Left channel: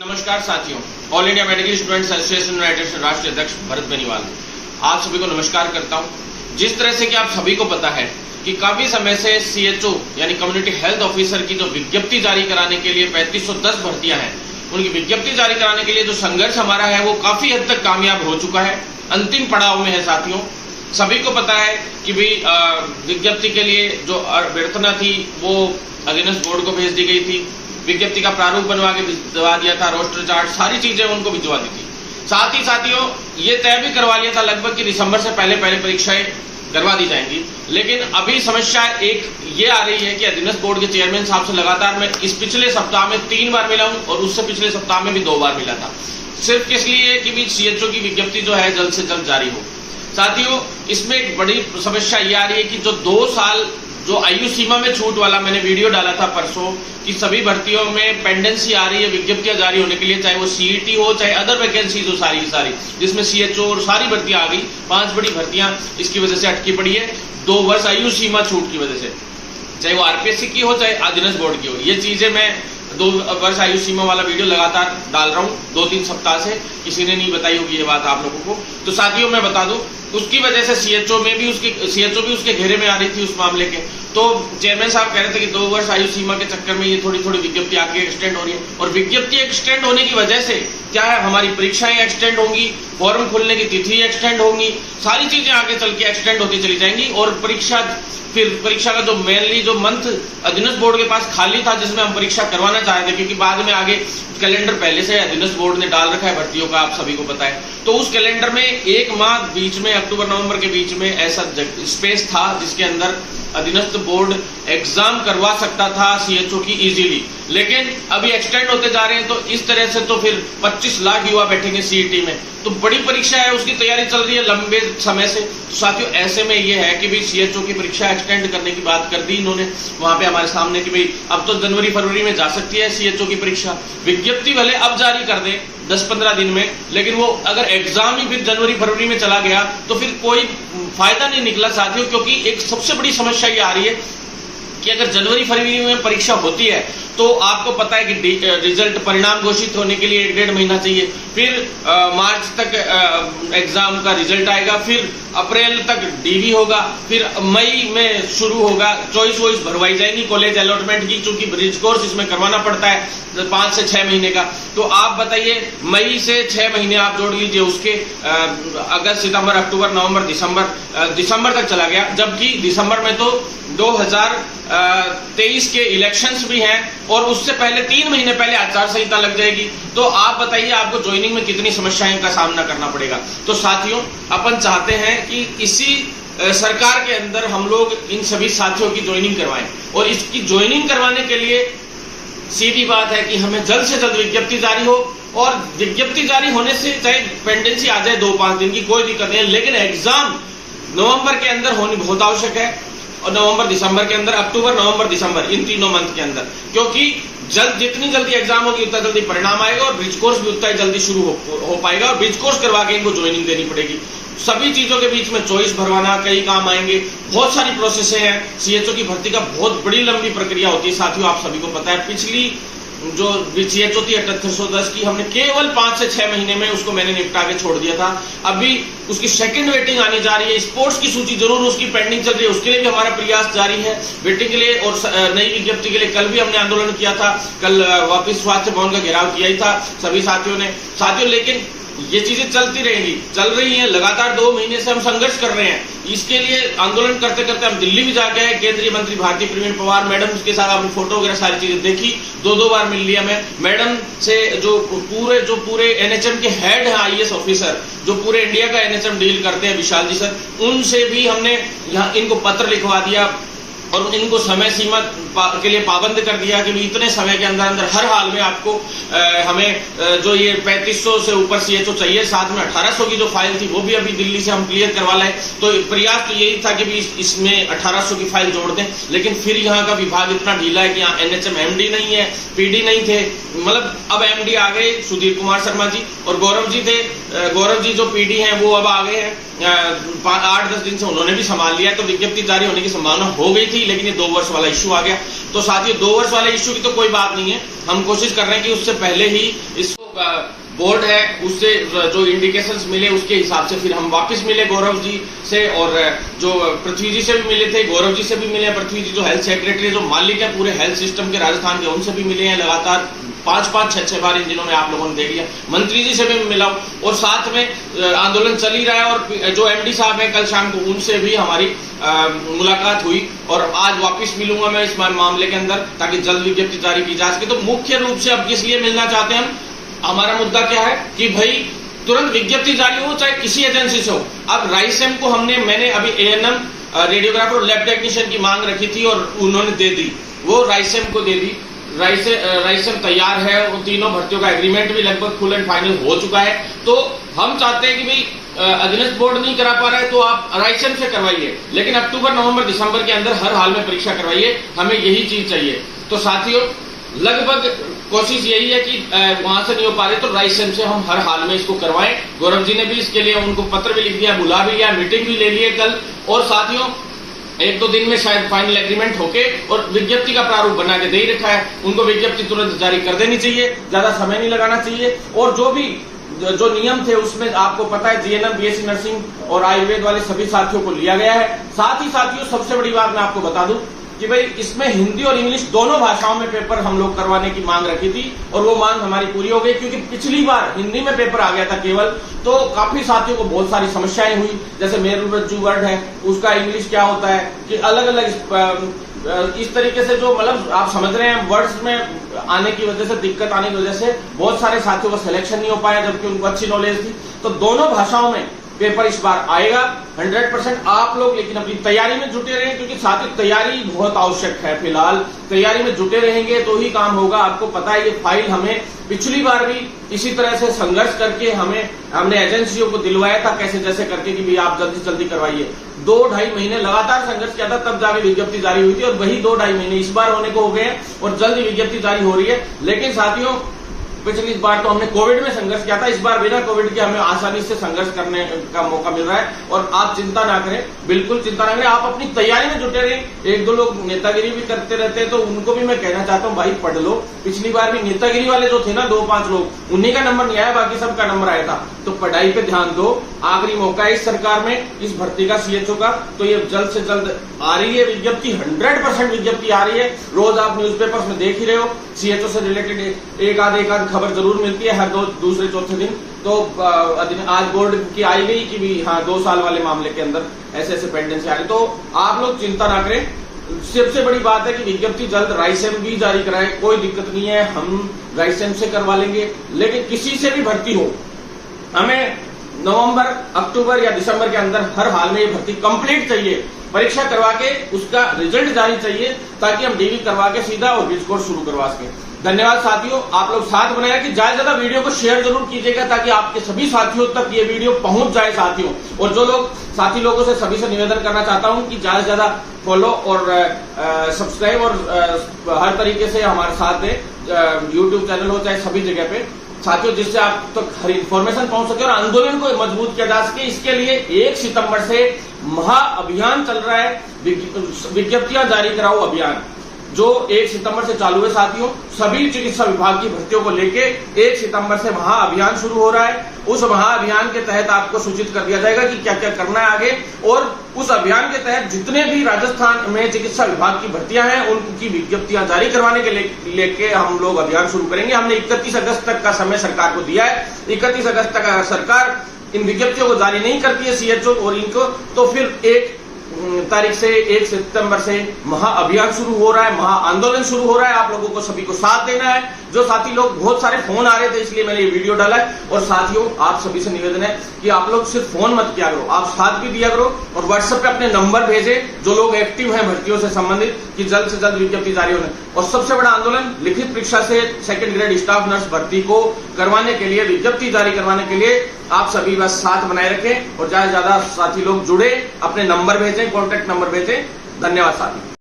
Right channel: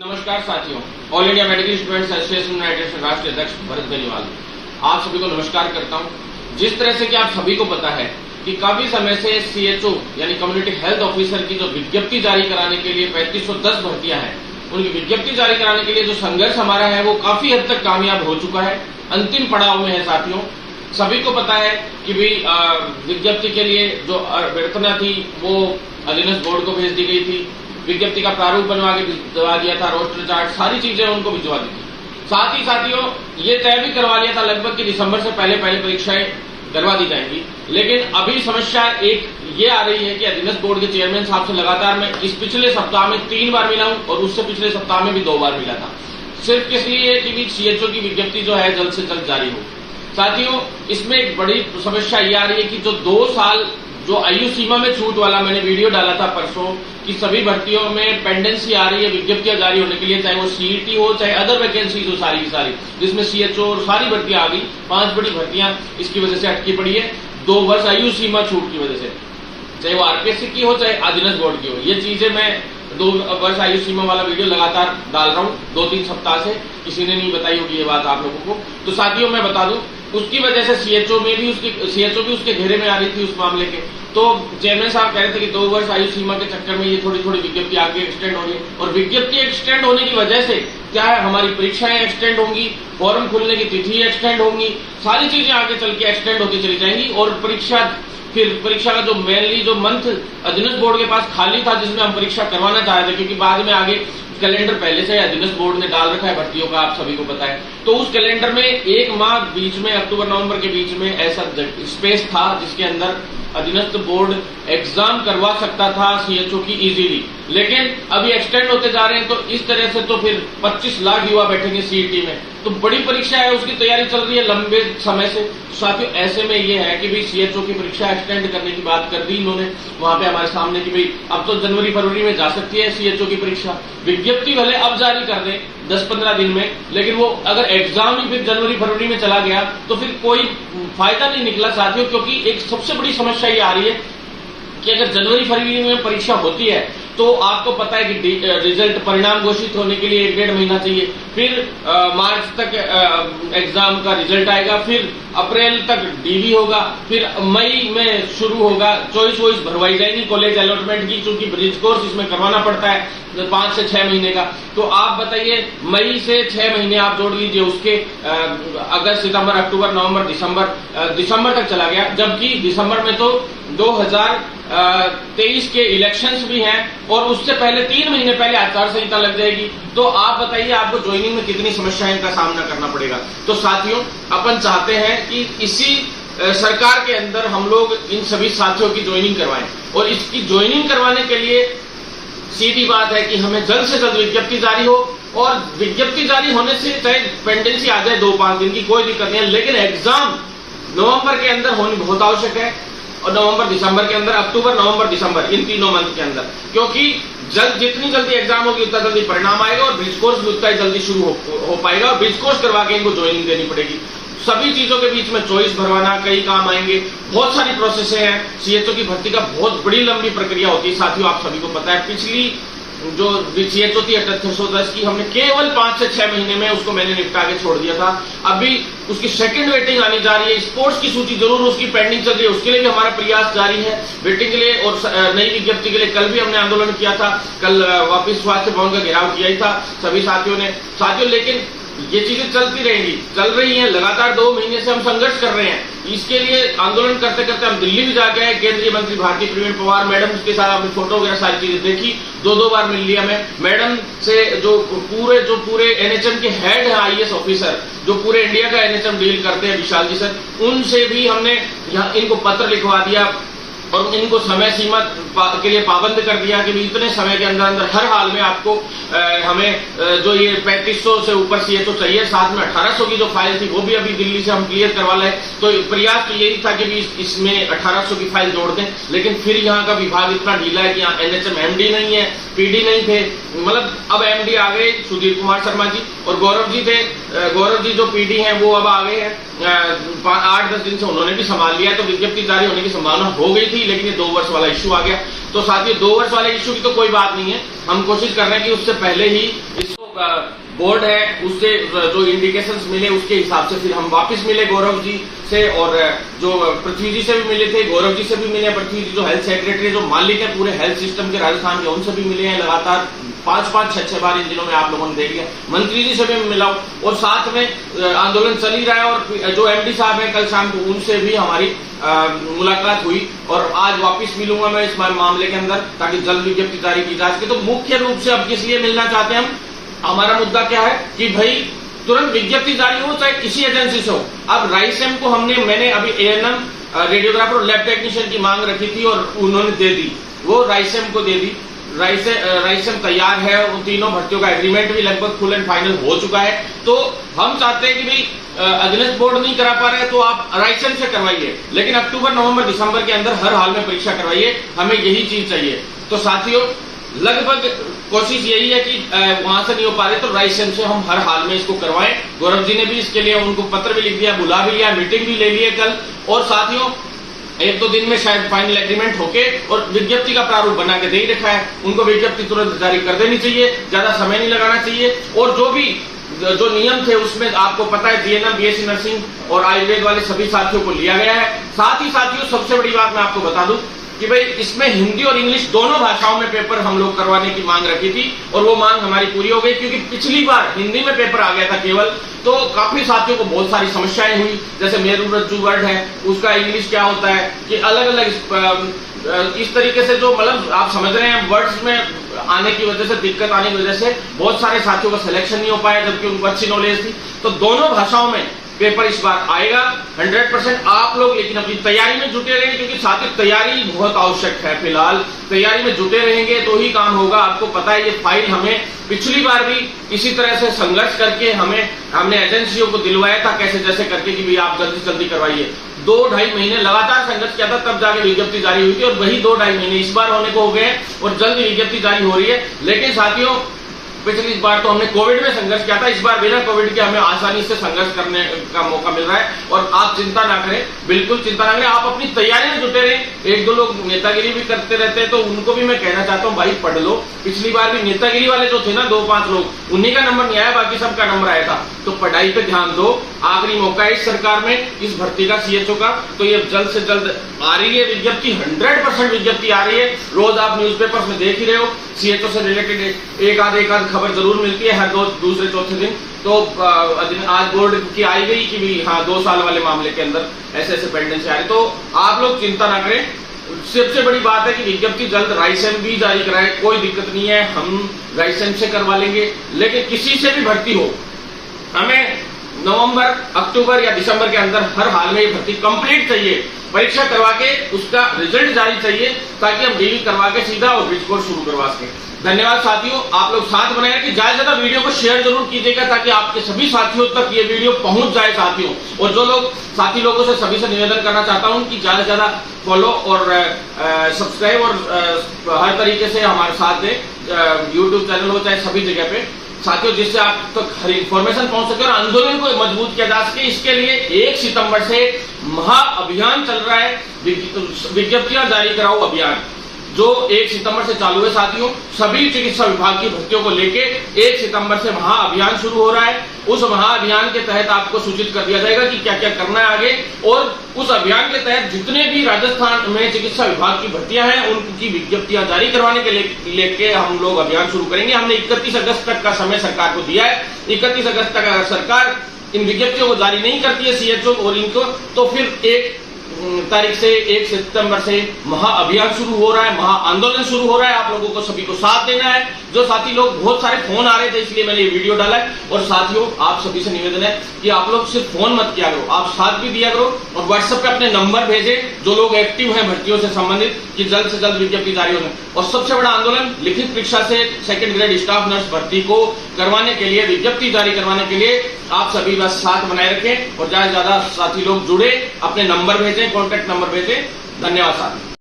नमस्कार साथियों, all India medical students association United राष्ट्रीय अध्यक्ष भरत बेनीवाल आप सभी को नमस्कार करता हूं। जिस तरह से कि आप सभी को पता है कि काफी समय से सीएचओ यानी कम्युनिटी हेल्थ ऑफिसर की जो विज्ञप्ति जारी कराने के लिए 3510 भर्तियां हैं, उनकी विज्ञप्ति जारी कराने के लिए जो संघर्ष हमारा है वो काफी हद तक कामयाब हो चुका है, अंतिम पड़ाव में है। साथियों, सभी को पता है कि भाई विज्ञप्ति के लिए जो अभ्यर्थना थी वो अधीनस्थ बोर्ड को भेज दी गई थी। विज्ञप्ति का प्रारूप बनवा के भिजवा दिया था, रोस्टर चार्ट सारी चीजें उनको भिजवा दी थी। साथ ही साथियों ये तय भी करवा लिया था लगभग कि दिसंबर से पहले परीक्षाएं करवा दी जाएंगी। लेकिन अभी समस्या एक ये आ रही है कि अधीनस्थ बोर्ड के चेयरमैन साहब से लगातार मैं इस पिछले सप्ताह में 3 बार मिला हूं और उससे पिछले सप्ताह में भी 2 बार मिला था, सिर्फ किस लिए कि सीएचओ की विज्ञप्ति जो है जल्द से जल्द जारी हो। साथियों, इसमें एक बड़ी समस्या ये आ रही है कि जो 2 साल जो आयु सीमा में छूट वाला मैंने वीडियो डाला था परसों कि सभी भर्तियों में पेंडेंसी आ रही है विज्ञप्तियां जारी होने के लिए, चाहे वो सीईटी हो चाहे अदर वैकेंसीज हो, सारी की सारी जिसमें सीएचओ और सारी भर्तियां आ गई। 5 बड़ी भर्तियां इसकी वजह से अटकी पड़ी है 2 वर्ष आयु सीमा छूट की वजह से, चाहे वो आरपीएससी की हो चाहे अधीनस्थ बोर्ड की हो। ये चीजें मैं 2 वर्ष आयु सीमा वाला वीडियो लगातार डाल रहा हूँ 2-3 सप्ताह से, किसी ने नहीं बताई होगी ये बात आप लोगों को। तो साथियों मैं बता दूं, उसकी वजह से सीएचओ भी उसके घेरे में आ रही थी उस मामले के। तो चेयरमैन साहब कह रहे थे कि 2 वर्ष आयु सीमा के चक्कर में ये थोड़ी विज्ञप्ति आगे एक्सटेंड हो रही है, और विज्ञप्ति एक्सटेंड होने की वजह से क्या है, हमारी परीक्षाएं एक्सटेंड होंगी, फॉर्म खुलने की तिथि एक्सटेंड होंगी, सारी चीजें आगे चल के एक्सटेंड होती चली जाएंगी। और परीक्षा का जो मेनली जो मंथ अधीनस्थ बोर्ड के पास खाली था जिसमें हम परीक्षा करवाना चाह रहे थे, क्योंकि बाद में आगे कैलेंडर पहले से अधीनस्थ बोर्ड ने डाल रखा है भर्तियों का, आप सभी को पता है। तो उस कैलेंडर में 1 माह बीच में अक्टूबर-नवंबर के बीच में ऐसा स्पेस था जिसके अंदर अधीनस्थ बोर्ड एग्जाम करवा सकता था सीएचओ की इजीली। लेकिन अभी एक्सटेंड होते जा रहे हैं, तो इस तरह से तो फिर 25 लाख युवा बैठेंगे सीईटी में, तो बड़ी परीक्षा है, उसकी तैयारी चल रही है लंबे समय से। साथियों, ऐसे में ये है कि भाई सीएचओ की परीक्षा एक्सटेंड करने की बात कर दी इन्होंने वहां पे हमारे सामने कि भाई अब तो जनवरी-फरवरी में जा सकती है सीएचओ की परीक्षा। विज्ञप्ति भले अब जारी कर दे 10-15 दिन में, लेकिन वो अगर एग्जाम ही फिर जनवरी-फरवरी में चला गया तो फिर कोई फायदा नहीं निकला साथियों। क्योंकि एक सबसे बड़ी समस्या ये आ रही है कि अगर जनवरी-फरवरी में परीक्षा होती है तो आपको पता है कि रिजल्ट परिणाम घोषित होने के लिए 1-1.5 महीना चाहिए, फिर मार्च तक एग्जाम का रिजल्ट आएगा, फिर अप्रैल तक डीवी होगा, फिर मई में शुरू होगा, चॉइस वॉइस भरवाई जाएगी कॉलेज अलॉटमेंट की, चूंकि ब्रिज कोर्स इसमें करवाना पड़ता है 5 से 6 महीने का। तो आप बताइए, मई से 6 महीने आप जोड़ लीजिए उसके, अगस्त, सितंबर, अक्टूबर, नवंबर, दिसंबर तक चला गया, जबकि दिसंबर में तो 2023 के इलेक्शंस भी हैं और उससे पहले 3 महीने पहले आचार संहिता लग जाएगी। तो आप बताइए आपको ज्वाइनिंग में कितनी समस्याएं का सामना करना पड़ेगा। तो साथियों, अपन चाहते हैं कि इसी सरकार के अंदर हम लोग इन सभी साथियों की ज्वाइनिंग करवाएं, और इसकी ज्वाइनिंग करवाने के लिए सीधी बात है कि हमें जल्द से जल्द विज्ञप्ति जारी हो, और विज्ञप्ति जारी होने से चाहे पेंडेंसी आ जाए 2-5 दिन की, कोई दिक्कत नहीं है, लेकिन एग्जाम नवंबर के अंदर होनी बहुत आवश्यक है, और नवंबर-दिसंबर के अंदर, अक्टूबर-नवंबर-दिसंबर इन 3 मंथ के अंदर, क्योंकि जितनी जल्दी एग्जाम होगी उतना जल्दी परिणाम आएगा और ब्रिज कोर्स भी उतना ही जल्दी शुरू हो पाएगा, और ब्रिज कोर्स करवा के इनको ज्वाइनिंग देनी पड़ेगी। सभी चीजों के बीच में चॉइस भरवाना, कई काम आएंगे, बहुत सारी प्रोसेस हैं। सीएचओ की भर्ती का बहुत बड़ी लंबी प्रक्रिया होती है साथियों, आप सभी को पता है। पिछली जो सीएचओ थी 7810 की, हमने केवल 5 से 6 महीने में उसको मैंने निपटा के छोड़ दिया था। अभी उसकी सेकंड वेटिंग आनी जा रही है, स्पोर्ट्स की सूची जरूर उसकी पेंडिंग चल रही है, उसके लिए भी हमारा प्रयास जारी है वेटिंग के लिए। और नई विज्ञप्ति के लिए कल भी हमने आंदोलन किया था, कल वापिस स्वास्थ्य भवन का घेराव किया ही था सभी साथियों ने। लेकिन ये चीजें चलती रहेंगी, चल रही हैं, लगातार 2 महीने से हम संघर्ष कर रहे हैं। इसके लिए आंदोलन करते करते हम दिल्ली भी जाके आए, केंद्रीय मंत्री भारती प्रवीण पवार मैडम के साथ अपनी फोटो वगैरह सारी चीजें देखी, 2-2 बार मिल लिया मैं मैडम से। जो पूरे एनएचएम के हेड हैं आईएएस ऑफिसर, जो पूरे इंडिया का एनएचएम डील करते हैं, विशाल जी सर, उनसे भी हमने यहाँ इनको पत्र लिखवा दिया और इनको समय सीमा के लिए पाबंद कर दिया कि इतने समय के अंदर हर हाल में आपको हमें जो ये 3500 से ऊपर सीएचओ चाहिए, साथ में 1800 की जो फाइल थी वो भी अभी दिल्ली से हम क्लियर करवा लाए। तो प्रयास तो यही था कि भी इसमें 1800 की फाइल जोड़ दें, लेकिन फिर यहाँ का विभाग इतना ढीला है कि यहाँ एनएचएम एमडी नहीं है, पीडी नहीं थे, मतलब अब एमडी आ गए सुधीर कुमार शर्मा जी, और गौरव जी थे, गौरव जी जो पीडी हैं वो अब आ गए हैं, 8-10 दिन से उन्होंने भी संभाल लिया। तो विज्ञप्ति जारी होने की संभावना हो गई थी, लेकिन ये 2 वर्ष वाला इश्यू आ गया। तो साथियों 2 वर्ष वाले इश्यू की तो कोई बात नहीं है, हम कोशिश कर रहे हैं कि उससे पहले ही इसको बोर्ड है उससे जो इंडिकेशंस मिले उसके हिसाब से फिर हम वापस मिले गौरव जी से, और जो पृथ्वी जी से भी मिले थे, गौरव जी से भी मिले, पृथ्वी जी जो हेल्थ सेक्रेटरी जो मालिक है पूरे हेल्थ सिस्टम के राजस्थान के, उनसे भी मिले हैं लगातार 5-5, 6-6 बार इन दिनों में आप लोगों ने देख लिया। मंत्री जी से भी मिला और साथ में आंदोलन चल ही रहा है, और जो एमडी साहब हैं कल शाम को उनसे भी हमारी मुलाकात हुई, और आज वापस मिलूंगा मैं इस मामले के अंदर ताकि जल्द विज्ञप्ति जारी की जा सके। तो मुख्य रूप से अब किस लिए मिलना चाहते हैं हम, हमारा मुद्दा क्या है कि भाई तुरंत विज्ञप्ति जारी हो चाहे किसी एजेंसी से हो। अब राइसेम को मैंने अभी एएनएम, रेडियोग्राफर और लैब टेक्नीशियन की मांग रखी थी और उन्होंने दे दी, वो राइसेम को दे दी। राइसेम तैयार है, उन तीनों भर्तियों का एग्रीमेंट भी लगभग फुल एंड फाइनल हो चुका है। तो हम चाहते हैं कि भाई अगेंस्ट बोर्ड नहीं करा पा रहे तो आप राइसेम से करवाइए, लेकिन अक्टूबर, नवंबर, दिसंबर के अंदर हर हाल में परीक्षा करवाइए, हमें यही चीज चाहिए। तो साथियों लगभग कोशिश यही है कि वहां से नहीं हो पा रही तो राइसेम से हम हर हाल में इसको करवाएं। गौरव जी ने भी इसके लिए उनको पत्र भी लिख दिया, बुला भी लिया, मीटिंग भी ले ली है कल, और साथियों 1-2 दिन में शायद फाइनल एग्रीमेंट होके और विज्ञप्ति का प्रारूप बना के दे ही रखा है, उनको विज्ञप्ति तुरंत जारी कर देनी चाहिए, ज्यादा समय नहीं लगाना चाहिए। और जो नियम थे उसमें आपको पता है जीएनएम, बीएससी नर्सिंग और आयुर्वेद वाले सभी साथियों को लिया गया है। साथ ही साथियों सबसे बड़ी बात मैं आपको बता दूं कि भाई इसमें हिंदी और इंग्लिश दोनों भाषाओं में पेपर हम लोग करवाने की मांग रखी थी, और वो मांग हमारी पूरी हो गई, क्योंकि पिछली बार हिंदी में पेपर आ गया था केवल, तो काफी साथियों को बहुत सारी समस्याएं हुई। जैसे मेरू रज्जू वर्ड है उसका इंग्लिश क्या होता है कि अलग अलग इस तरीके से जो मतलब आप समझ रहे हैं वर्ड्स में आने की वजह से, दिक्कत आने की वजह से बहुत सारे साथियों का सिलेक्शन नहीं हो पाया, जबकि उनको अच्छी नॉलेज थी। तो दोनों भाषाओं में पेपर इस बार आएगा 100%। आप लोग लेकिन अपनी तैयारी में जुटे रहें, क्योंकि साथ ही तैयारी बहुत आवश्यक है। फिलहाल तैयारी में जुटे रहेंगे तो ही काम होगा। आपको पता है ये फाइल हमें पिछली बार भी इसी तरह से संघर्ष करके हमने एजेंसियों को दिलवाया था, कैसे जैसे करके कि भाई आप जल्दी जल्दी करवाइए। 2-2.5 महीने लगातार संघर्ष किया था, तब जाके विज्ञप्ति जारी हुई थी, और वही 2-2.5 महीने इस बार होने को हो गए हैं और जल्दी विज्ञप्ति जारी हो रही है। लेकिन साथियों पिछली बार तो हमने कोविड में संघर्ष किया था, इस बार बिना कोविड के हमें आसानी से संघर्ष करने का मौका मिल रहा है। और आप चिंता ना करें, बिल्कुल चिंता ना करें, आप अपनी तैयारी में जुटे रहें। 1-2 लोग नेतागिरी भी करते रहते हैं, तो उनको भी मैं कहना चाहता हूँ भाई पढ़ लो। पिछली बार भी नेतागिरी वाले जो थे ना 2-5 लोग, उन्हीं का नंबर नहीं आया, बाकी सबका नंबर आया था। तो पढ़ाई पे ध्यान दो, आखिरी मौका है इस सरकार में इस भर्ती का, सीएचओ का। तो ये जल्द से जल्द आ रही है विज्ञप्ति, 100% विज्ञप्ति आ रही है। रोज आप न्यूज़पेपर्स में देख ही रहे हो, सीएचओ से रिलेटेड एक आध खबर जरूर मिलती है हर दूसरे चौथे दिन। तो आज बोर्ड की आई गई कि भी हाँ 2 साल वाले मामले के अंदर ऐसे पेंडेंसी आ रही। तो आप लोग चिंता ना करें, सबसे बड़ी बात है कि विज्ञप्ति जल्द राइसेम भी जारी कराए, कोई दिक्कत नहीं है, हम राइसेम से करवा लेंगे। लेकिन किसी से भी भर्ती हो, हमें नवंबर, अक्टूबर या दिसंबर के अंदर हर हाल में ये भर्ती कंप्लीट चाहिए। परीक्षा करवा के उसका रिजल्ट जारी चाहिए, ताकि हम डीवी करवा के सीधा और ब्रिज कोर्स शुरू करवा सके। धन्यवाद साथियों, आप लोग साथ बनाएगा कि ज्यादा से ज्यादा वीडियो को शेयर जरूर कीजिएगा, ताकि आपके सभी साथियों तक ये वीडियो पहुंच जाए साथियों। और जो लोग साथी लोगों से सभी से निवेदन करना चाहता हूं कि ज्यादा से ज्यादा फॉलो और सब्सक्राइब और हर तरीके से हमारे साथ दें, यूट्यूब चैनल हो चाहे सभी जगह पे साथियों, जिससे आप तक हर इंफॉर्मेशन पहुंच सके और आंदोलन को मजबूत किया जा सके। इसके लिए 1 सितंबर से महाअभियान चल रहा है, विज्ञप्तियां जारी कराओ अभियान, जो 1 सितंबर से चालू है साथियों। सभी चिकित्सा विभाग की भर्तियों को लेके 1 सितंबर से महाअभियान शुरू हो रहा है। उस महाअभियान के तहत आपको सूचित कर दिया जाएगा कि क्या क्या करना है आगे, और उस अभियान के तहत जितने भी राजस्थान में चिकित्सा विभाग की भर्तियां हैं उनकी विज्ञप्तियां जारी करवाने के लेके हम लोग अभियान शुरू करेंगे। हमने 31 अगस्त तक का समय सरकार को दिया है। 31 अगस्त तक अगर सरकार इन विज्ञप्तियों को जारी नहीं करती है सीएचओ और इनको, तो फिर 1 तारीख से 1 सितंबर से महाअभियान शुरू हो रहा है, महा आंदोलन शुरू हो रहा है। आप लोगों को सभी को साथ देना है। जो साथी लोग, बहुत सारे फोन आ रहे थे इसलिए मैंने ये वीडियो डाला है। और साथियों आप सभी से निवेदन है कि आप लोग सिर्फ फोन मत किया करो, आप साथ भी दिया करो और व्हाट्सएप पे अपने नंबर भेजें जो लोग एक्टिव हैं भर्तियों से संबंधित, कि जल्द से जल्द विज्ञप्ति जारी होने। और सबसे बड़ा आंदोलन लिखित परीक्षा से 2nd ग्रेड स्टाफ नर्स भर्ती को करवाने के लिए, विज्ञप्ति जारी करवाने के लिए आप सभी बस साथ बनाए रखें और ज्यादा से ज्यादा साथी लोग जुड़े, अपने नंबर भेजें, कॉन्टैक्ट नंबर भेजें। धन्यवाद साथी।